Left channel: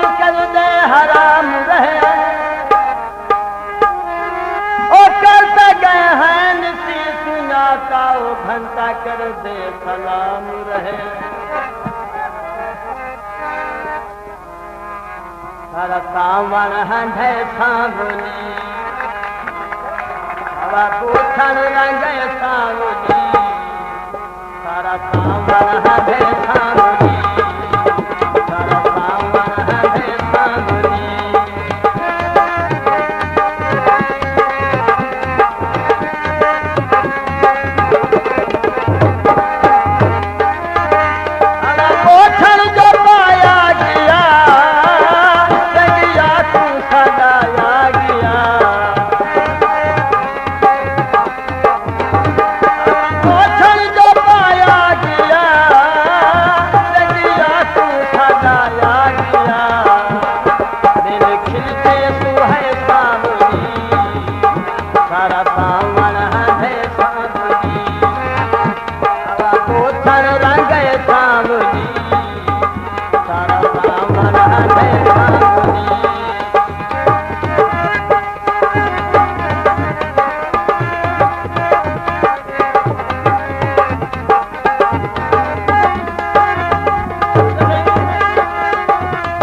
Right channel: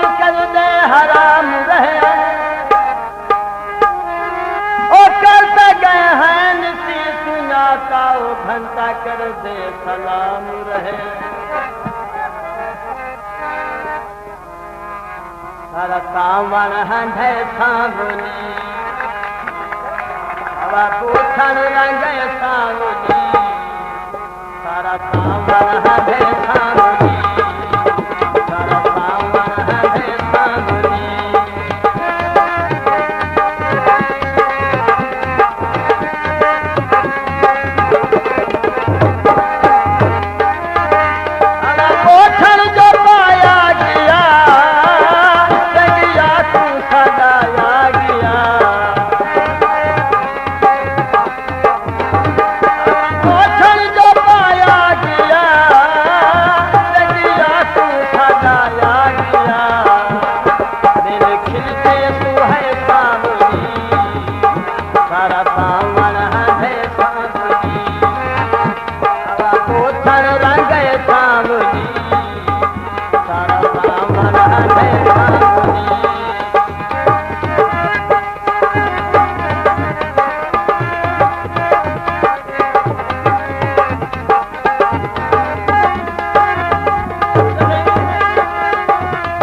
निकल दे हराम रहे ओ करते गए हैं नीति सुना का ओ घंटा कर दे सलाम रहे सारा सावन हंधे सांगुनी हवा पूछन रंगे सांगुनी सारा सावन हंधे सांगुनी सारा सावन हंधे सांगुनी हवा पूछन जो पाया गया जगिया तू सदाया गया पूछन जो पाया गया जगिया तू सदाया गया मेरे खिलते तू है सावनी सारा सावन है सावनी हवा पूछन रंगे सावनी सारा सावन है सावनी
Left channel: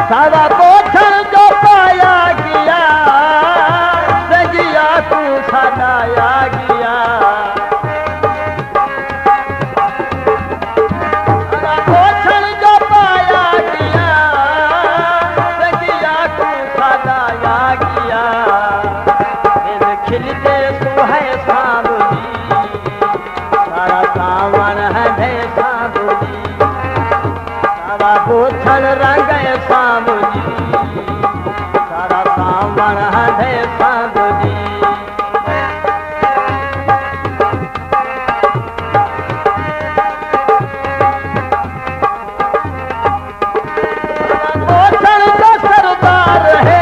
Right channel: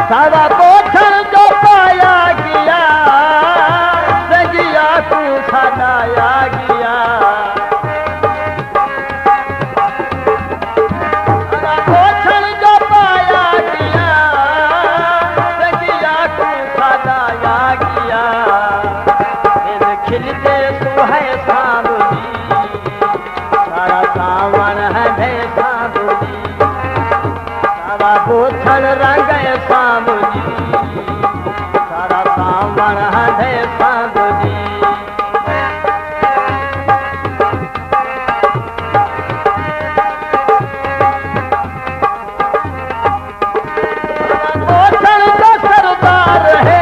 सारा पोषण जो पाया गया जगिया तू सदाया गया सारा पोषण जो पाया गया जगिया तू सदाया गया फिर खिलते तू है सावनी सारा सावन है सावनी सारा पोषण रंगे सावनी सारा सावन है सावनी पोषण तो सरदार है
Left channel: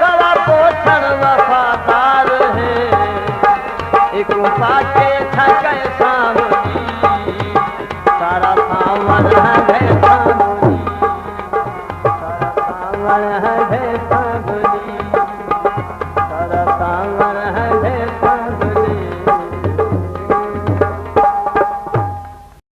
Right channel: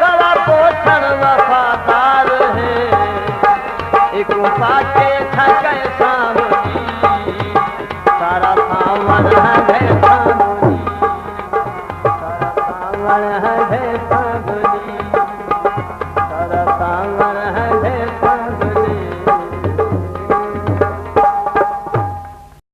सारा पोषण वफादार है एक पाके थके सावनी सारा सावन